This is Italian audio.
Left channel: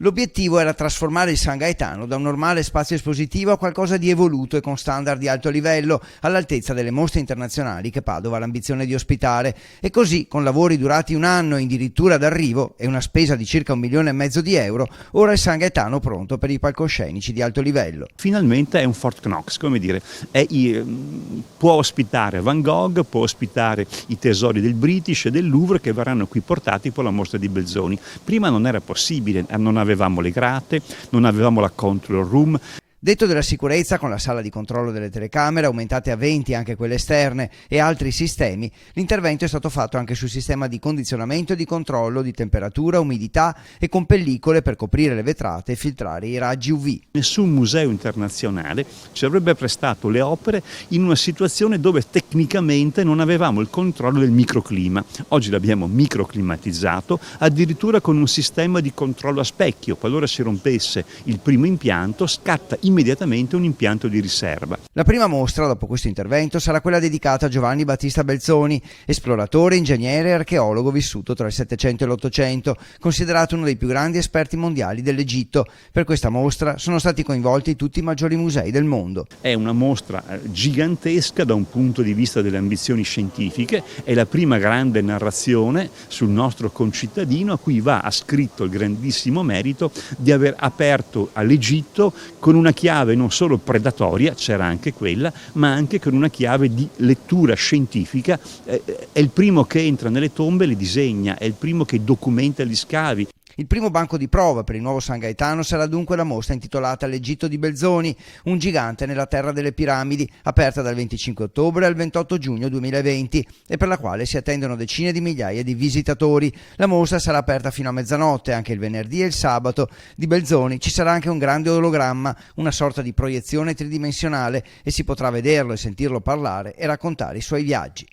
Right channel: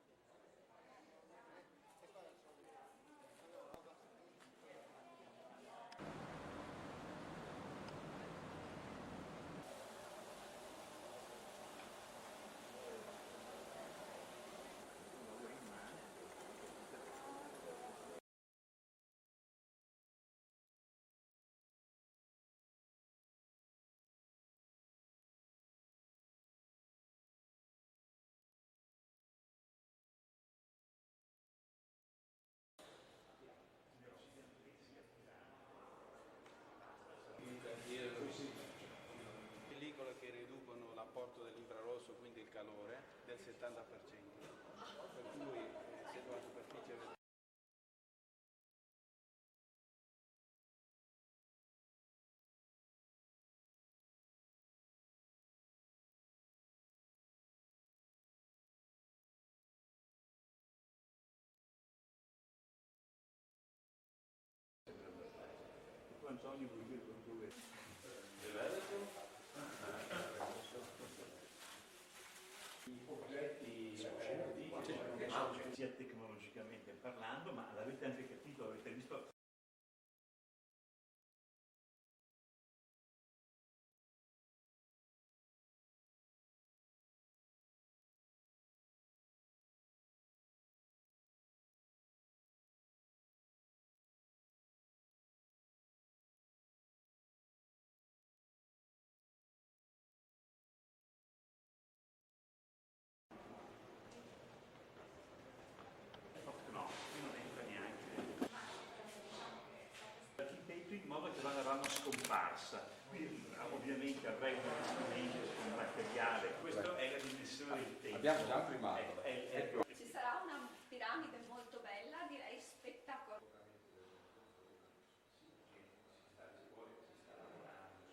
L'obiettivo era trasformare il San Gaetano da un normale spazio espositivo a qualcosa di evoluto e con standard di alto livello, all'altezza delle mostre internazionali che Padova ha l'ambizione di ospitare. E così, con lavori durati un anno e addirittura d'arrivo e una spesa di circa 1,5 milioni di euro, ora il San Gaetano pronto per i palcoscenici di alto livello. Finalmente è un Fort Knox, come dire, può ospitare Van Gogh, può ospitare i tesori del British e del Louvre che verranno qui portati per la mostra di Belzoni. Prima non era possibile, non avevamo le grate, non avevamo la control room. Detto della sicurezza, con la sala di controllo delle telecamere aumentate a 20 anche quelle esterne e altri sistemi, l'intervento è stato fatto anche sul sistema di condizionamento e di controllo di temperatura, umidità e con pellicole per coprire le vetrate e filtrare i raggi UV. Nessun museo internazionale ci avrebbe prestato le opere in una situazione dove tecnicamente non avevamo il controllo del microclima. Oggi l'abbiamo microclimatizzato, addirittura con un sistema di controllo a specchio. Qualora si rompesse il primo impianto, scatta immediatamente un impianto di riserva. La prima mostra, dopo questo intervento, sarà quella dedicata a Giovanni Battista Belzoni, esploratore, ingegnere e archeologo vissuto tra il Settecento e l'Ottocento, considerato uno dei più grandi esperti mondiali dell'Egitto. Per questa mostra sono stati coinvolti tutti i maggiori musei del mondo. È una mostra gigantesca da un punto di vista delle ambizioni scientifiche, è la prima grande narrazione sul nostro concittadino a cui va ascritto il grandissimo merito di aver aperto all'Egitto con una chiave non solo predatoria, c'era anche quella, ma anche con una chiave di lettura scientifica. È il primo che entra nelle tombe e le disegna, è il primo che documenta gli scavi. Il primo banco di prova per il nuovo San Gaetano sarà dunque la mostra intitolata L'Egitto di Belzoni, un gigante nella terra delle piramidi, aperta dal 25 ottobre al 28 giugno 2020 e per la quale si attendono decine di migliaia di visitatori. La mostra sarà aperta fino a mezzanotte, anche il venerdì e il sabato. Di Belzoni ci sarà anche un grande ologramma, una sorta di proiezione tridimensionale, e si potrà vederlo e sentirlo parlare e raccontare i suoi viaggi.